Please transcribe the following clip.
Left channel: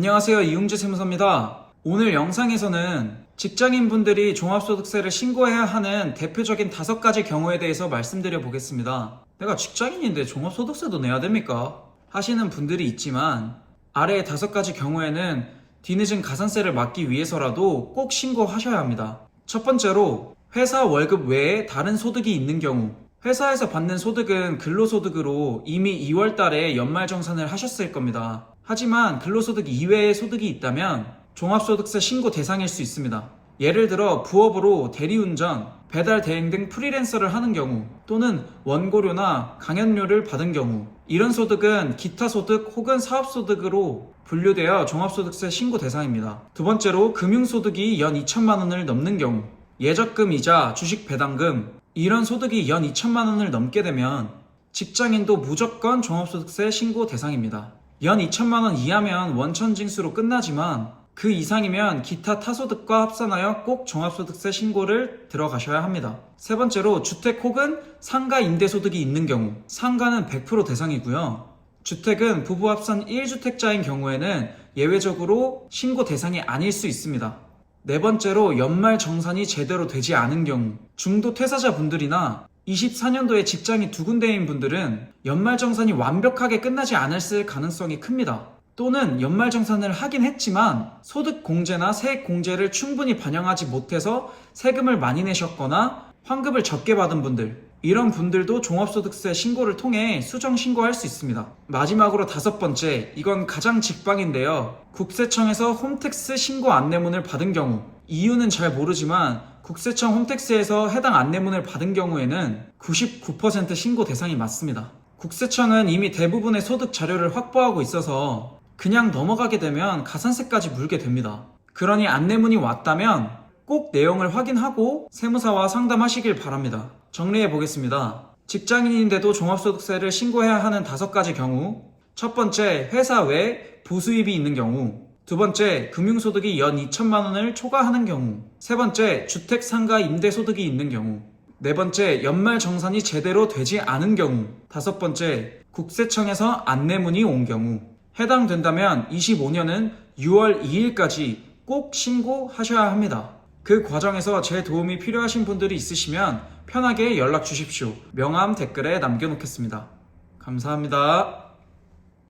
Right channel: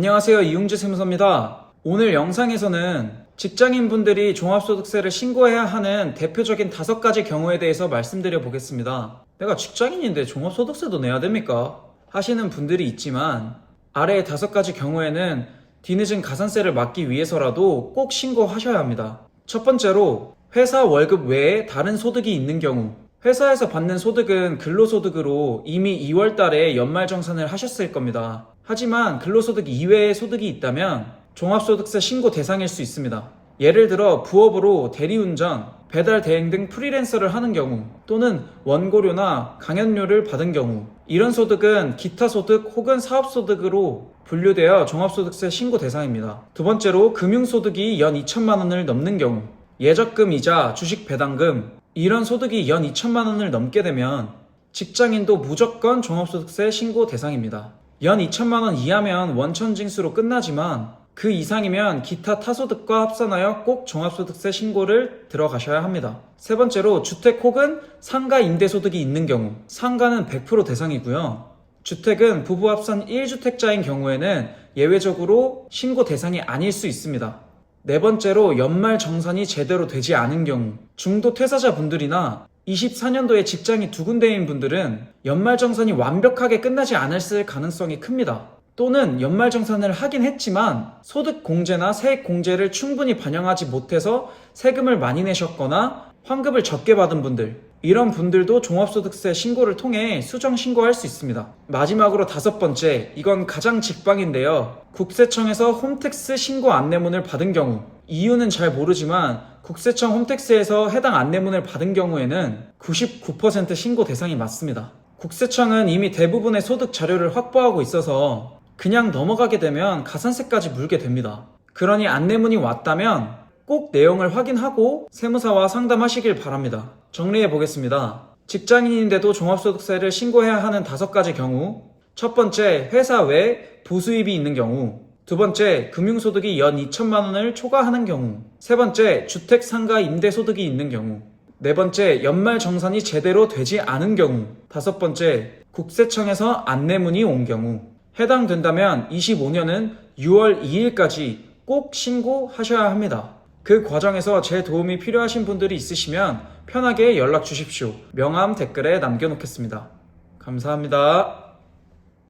안녕하세요. 이용재 세무사입니다. 오늘 영상에서는 직장인분들이 종합소득세를 신고해야 하는 대표적인 5가지 경우에 대해서 말씀드려 보겠습니다. 내가 직장인인데 종합소득세도 내야 됩니까? 하시는 분들이 있지만 아래의 5가지 경우에는 뒤늦은 가산세를 막기 위해서라도 꼭 신고하셔야 합니다. 첫 번째로 회사 월급 외에 다른 소득이 있는 경우, 회사에서 받는 소득은 근로소득으로 이미 2월 달에 연말정산을 하셨을 겁니다. 하지만 근로소득 이외의 소득이 있다면 종합소득세 신고 대상일 수 있습니다. 예를 들어 부업으로 대리운전, 배달 대행 등 프리랜서를 하는 경우, 또는 원고료나 강연료를 받은 경우, 이런 소득은 기타소득 혹은 사업소득으로 분류되어 종합소득세 신고 대상입니다. 두 번째로 금융소득이 연 2천만 원을 넘는 경우, 예적금 이자, 주식 배당금, 이런 소득이 연 2천만 원을 넘게 되면 직장인도 무조건 종합소득세 신고 대상입니다. 연 2천만 원 이하면 원천징수로 끝나지만 그 이상이면 기타 타소득과 합산하여 꼭 종합소득세 신고를 들어가셔야 합니다. 세 번째로 주택 혹은 상가 임대소득이 있는 경우, 상가는 100% 대상이고요. 주택은 부부 합산 1주택자인 경우에는 예외적으로 신고 대상이 아닐 수 있습니다. 네 번째로 연말 정산이 제대로 되지 않은 경우, 중도 퇴사자분들이나 24년도에 직장이 2군데인 분들은 연말정산이 완벽하게 끝나지 않았을 가능성이 큽니다. 또는 연말정산을 하긴 했지만 소득공제나 세액공제를 충분히 반영하지 못해서 세금을 많이 내셨거나 환급을 적게 받은 분들, 이런 분들도 종합소득세 신고를 통해 수정 신고할 수 있습니다. 마지막으로 5번째, 이건 가장 직방인데요. 국세청에서 홈택스 신고 안내문을 받은 경우, 이유는 잘 모르지만 국세청 홈택스에서 해당 안내문을 받은 경우에는 99% 신고 대상이 맞습니다. 국세청은 이미 대부분의 소득 자료를 확보하고 있어서 그냥 넘어가게 되면 가산세까지 물게 됩니다. 그러니 안내문이 왔다면 꼭 내용을 확인하고 세무사와 상담하시길 바랍니다. 정리해 보겠습니다. 직장인인데도 종합소득세를 신고해야 하는 5가지 경우, 첫 번째, 회사 외 부수입이 있는 경우, 두 번째, 금융소득이 연 2천만 원을 초과하는 경우, 세 번째, 주택 상가 임대소득이 있는 경우, 네 번째, 연말정산이 제대로 되지 않은 경우, 다섯 번째, 국세청에서 안내문이 온 경우. 해당된다면 25년은 6월 2일까지 꼭 신고하셔야 합니다. 그 과정에서 제 도움이 필요하신 분들이 있으시면 편하게 연락 주십시오. 명함 댓글에 남겨놓겠습니다. 감사합니다.